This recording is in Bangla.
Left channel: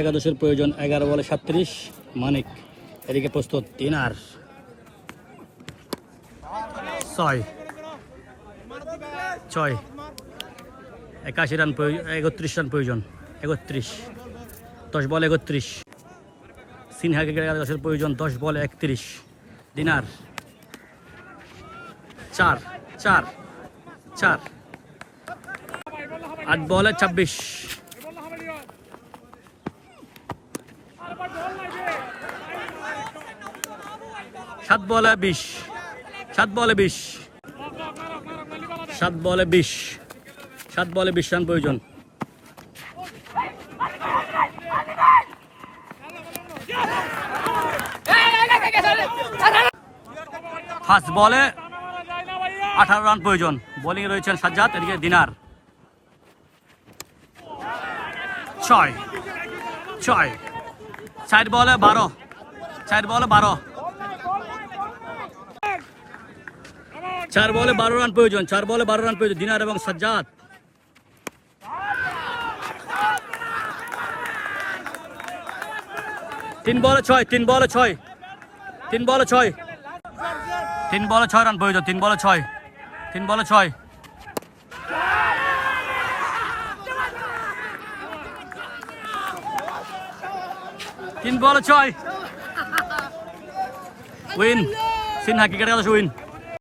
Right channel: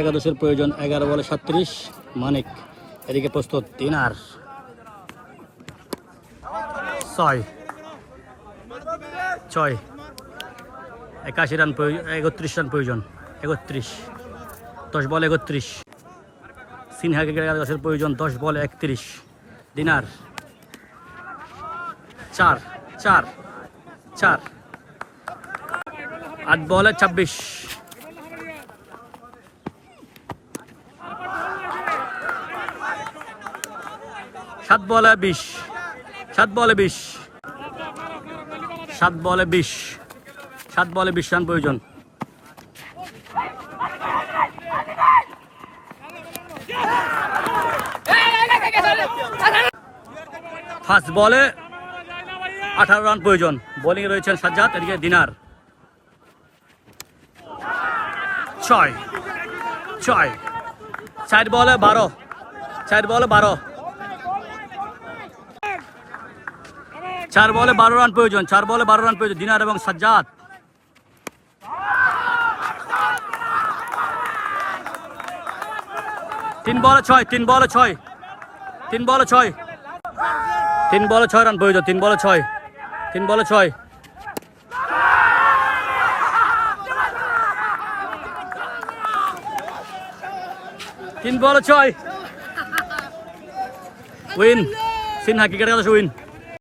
একাদশের প্রয়োজন 11 বলে 37। মানিক এদিকে প্রস্তুত, দিনার 6 6 81 রান 31 রান প্রয়োজন। 31 10 বলে 31। সিনহাকে একাদশের প্রয়োজন 10 বলে 31। দিনার 4 4 4 8 বলে 26। 7 বলে 20। 7 বলে 20। 7 বলে 20। 7 বলে 20 রান প্রয়োজন। 5 বলে 18 রান প্রয়োজন। বোলিং রয়েছেন সাজ্জাদ, এদিকে দিনার 6 6 4 বলে 12। 4 বলে 12। 4 বলে 12 রান প্রয়োজন। 4 বলে 12 রান প্রয়োজন দিনার এবং সাজ্জাদ। 3 বলে 6। 3 বলে 6। 3 বলে 6। 3 বলে 6 রান প্রয়োজন। 3 বলে 6। 3 বলে 6। 3 বলে 6। উইন, সিনহা ক্রিকেট খেলা উইন।